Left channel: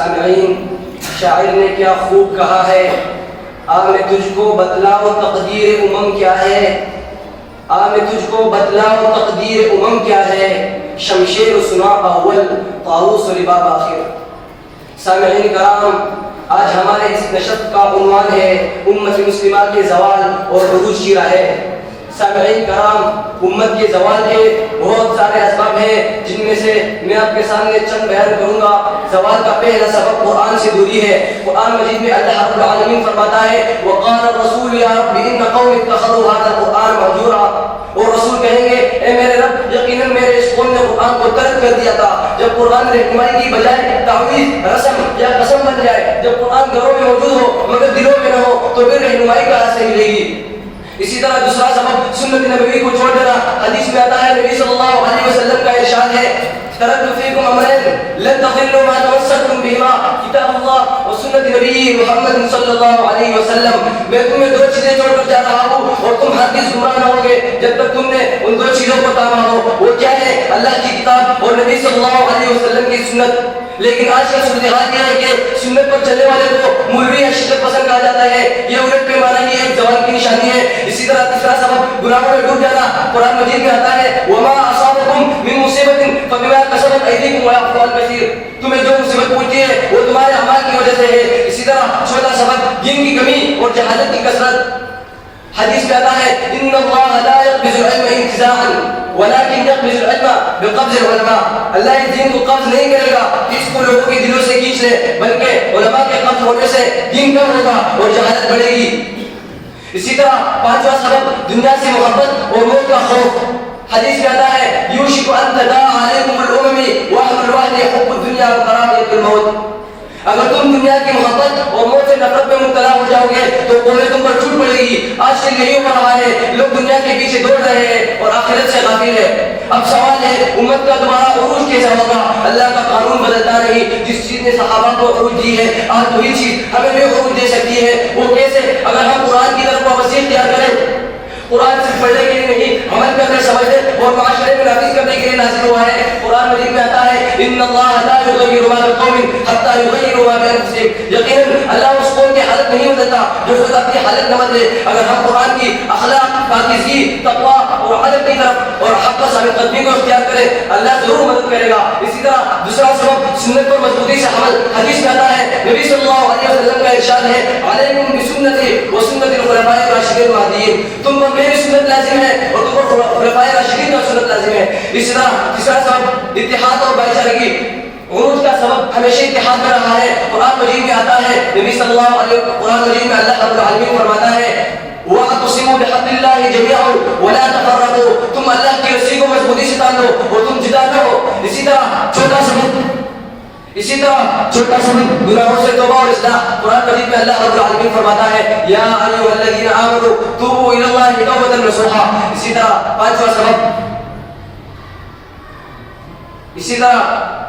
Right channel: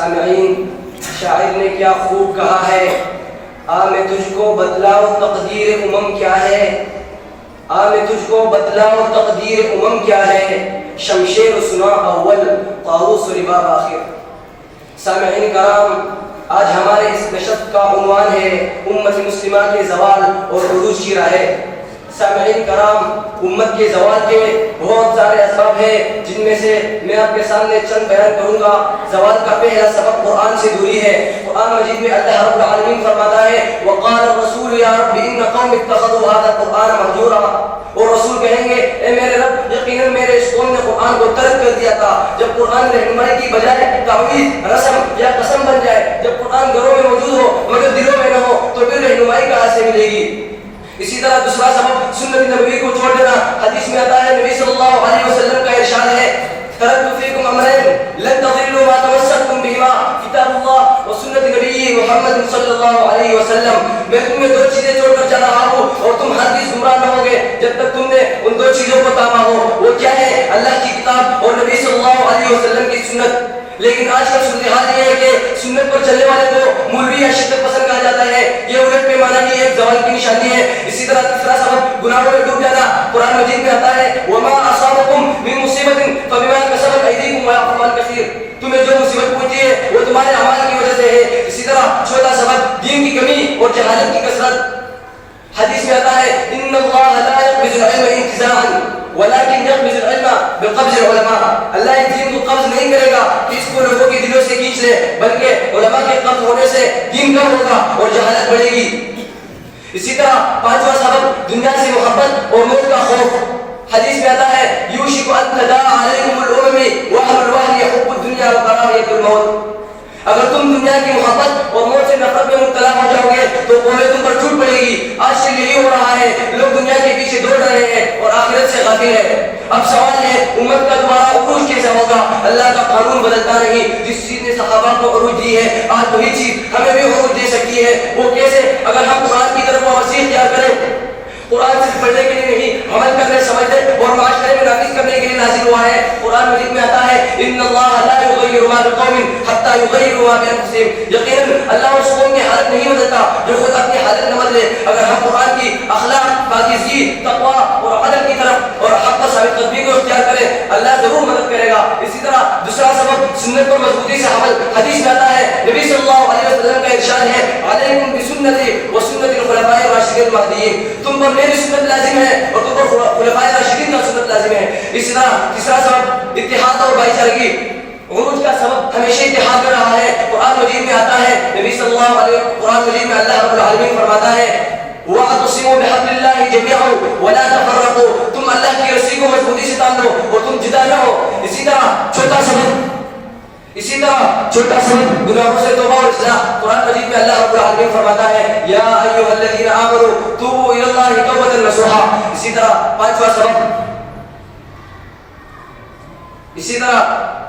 سامعین، شاعر نے کیا خوب کہا ہے، آ میں تجھ کو بتلاؤں تقدیر امم کیا ہے، آ میں تجھ کو بتلاؤں تقدیر امم کیا ہے، شمشیر سنا اول طاؤوس رباب آخر۔ سامعین کرام، آج ہمارے اس نشست کا عنوان ہے امت مسلمہ کے زوال اور عروج کی راہ۔ سامعین کرام، امت کے زوال کے بہت سارے اسباب ہیں، جن میں سے میں آپ کے سامنے چند بیان کروں گا۔ زوال کا پہلا سبب قرآن سے دوری ہے۔ قرآن مجید میں اللہ رب العالمین فرماتا ہے وقال الرسول یا رب ان قوم اتخذوا هذا القرآن مهجورا، اور رسول کہیں گے اے میرے رب، یقیناً میرے اس قوم نے قرآن کو ترک کر دیا تھا۔ جب قرآن رہنمائی کی بجائے تعویذ، رسم یا قسم بن جائے، جب قرآن گھروں میں موجود ہو مگر دلوں میں نہ ہو، تو پھر رہنمائی کہاں سے ملے گی؟ اسی طرح دوسرا سبب سنت نبوی کو چھوڑ دینا۔ حدیث میں آتا ہے، نبی صلی اللہ علیہ وسلم کا ارشاد ہے ترکت فیکم امرین لن تضلوا ما تمسکتم بہما کتاب اللہ و سنت نبی محمد صلی اللہ علیہ وسلم۔ میں تمہیں دو چیزیں چھوڑ کر جا رہا ہوں اور تم ہرگز گمراہ نہ ہوگے جب تک تم نے ان دو چیزوں کو تاما ہو۔ وہ کیا ہے؟ اللہ کی کتاب اور نبی صلی اللہ علیہ وسلم کی سنت۔ لیکن آج کا صورتحال یہ ہے کہ سنت پر چلنے والے کو مولوی یا شدت پسند کہا جاتا ہے۔ یہ الٹ پیمانہ نہیں ہے، ایک زوال کی نشانی ہے۔ اسی طرح تیسرا سبب گناہوں میں ڈوب جانا۔ قرآن مجید میں آتا ہے وما اصابکم من مصیبت فبما کسبت ایدیکم ویعفو عن کثیر، تمہیں جو مصیبت پہنچی ہے وہ تمہارے اعمال کی وجہ سے ہے۔ اسی طرح چوتھا سبب دین کی کمی اور جہالت کی کثرت۔ حدیث میں آتا ہے ان اللہ لا يقبض العلم انتزاعا ولكن يقبض العلم بقبض العلماء، اللہ اس دین کو قبض نہیں کرے گا کہ اس کو لوگوں کے دلوں سے کھینچ لے، بلکہ علماء کے قبض ہونے سے دین کم ہوگا اور جہالت بڑھے گی۔ اسی طرح پانچواں سبب دنیا سے محبت اور موت کا خوف۔ حدیث میں آتا ہے یوشک ان تداعى علیکم الامم واہل الوحل حب الدنیا وکراہیۃ الموت، اگر تم دنیا کی محبت اور موت سے نفرت میں مبتلا ہو جاؤ گے تو قومیں تم پر ٹوٹ پڑے گی۔ آج سے یہی ہو رہا ہے، لوگ دنیا کے پیچھے دوڑ رہے ہیں اور آخرت سے غافل ہے۔ اب سوال ہے امت کا تمہارا عروج کیسے ہوگا؟ اللہ کا قانون بدلتا نہیں۔ جس چیز نے صحابہ کو عروج دی ہے آج وہی چیز ہمیں بھی عروج دے سکتی ہے۔ وہ کیسے؟ اگر ہم قرآن کی طرف توجہ اختیار کریں۔ قرآن صرف پڑھنے کے لیے نہیں، عمل کرنے، سمجھنے اور معاشرے میں نافذ کرنے کے لیے نازل ہوا ہے۔ قرآن مجید میں آتا ہے ان اللہ لا یغیر ما بقوم حتی یغیروا ما بانفسہم، یقیناً اللہ اس قوم کی حالت نہیں بدلتا جو خود اپنی حالت نہ بدلے۔ اگر ہم قرآن کی اخلاق، پاکیزگی، تقویٰ اور عدل کی طرف اور حق ثابت قدمی کو اختیار کریں، اللہ ضرور مدد کرے گا۔ اسی طرح دوسرا سبب سنت پر مضبوطی سے عمل۔ حدیث میں آتا ہے نبی صلی اللہ علیہ وسلم کا ارشاد ہے علیکم بسنتی و سنت الخلفاء الراشدین المہدیین، تم پر میری سنت لازم ہے اور تم پر خلفاء راشدین کا سنت لازم ہے۔ اسی طرح تیسرا سبب اتحاد اور بھائی چارگی۔ عروج کا سبب ہمیشہ اتحاد میں رہا ہے۔ قرآن مجید میں آتا ہے نبی صلی اللہ علیہ وسلم، قرآن مجید میں اللہ رب العالمین فرماتا ہے وَاعْتَصِمُوا بِحَبْلِ اللَّهِ جَمِيعًا وَلَا تَفَرَّقُوا، تم اللہ کی رسی کو مضبوطی سے تان لو اور تم جدا نہ ہو۔ اسی طرح چھوٹا سبب گناہوں سے توبہ اور اصلاح۔ قرآن مجید میں اللہ رب العالمین فرماتا ہے یا ایھا الذین آمنوا توبوا الی اللہ توبۃ نصوحا۔ اسی طرح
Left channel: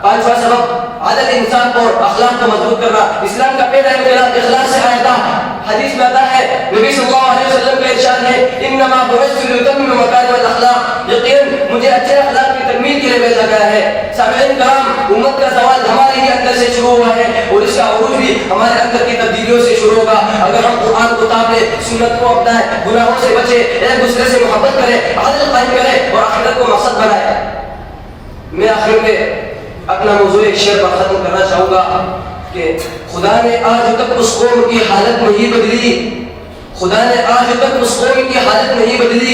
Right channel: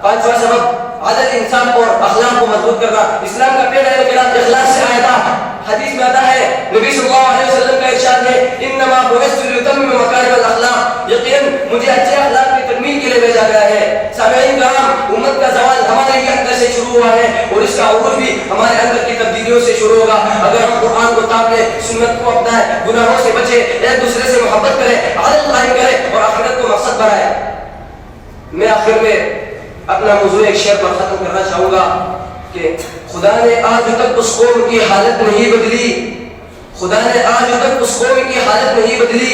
پانچواں سبب عدل، انصاف اور اخلاق کو مضبوط کرنا۔ اسلام کا پہلا انقلاب اخلاص سے آیا تھا۔ حدیث میں آتا ہے نبی صلی اللہ علیہ وسلم کا ارشاد ہے انما بعثت لاتمم مکارم الاخلاق، یقیناً مجھے اچھے اخلاق کی تکمیل کے لیے بھیجا گیا ہے۔ سامعین کرام، امت کا زوال ہمارے ہی اندر سے شروع ہوا ہے اور اس کا عروج بھی ہمارے اندر کی تبدیلیوں سے شروع ہوگا۔ اگر ہم قرآن کو تاب لیں، سنت کو اپنائیں، گناہوں سے بچیں، ایک دوسرے سے محبت کریں، عدل قائم کریں اور آخرت کو مقصد بنائیں۔ میں آخر میں اپنا موضوع ایک شعر پر ختم کرنا چاہوں گا کہ خدا نے آج تک اس قوم کی حالت نہیں بدلی، خدا نے آج تک اس قوم کی حالت نہیں بدلی۔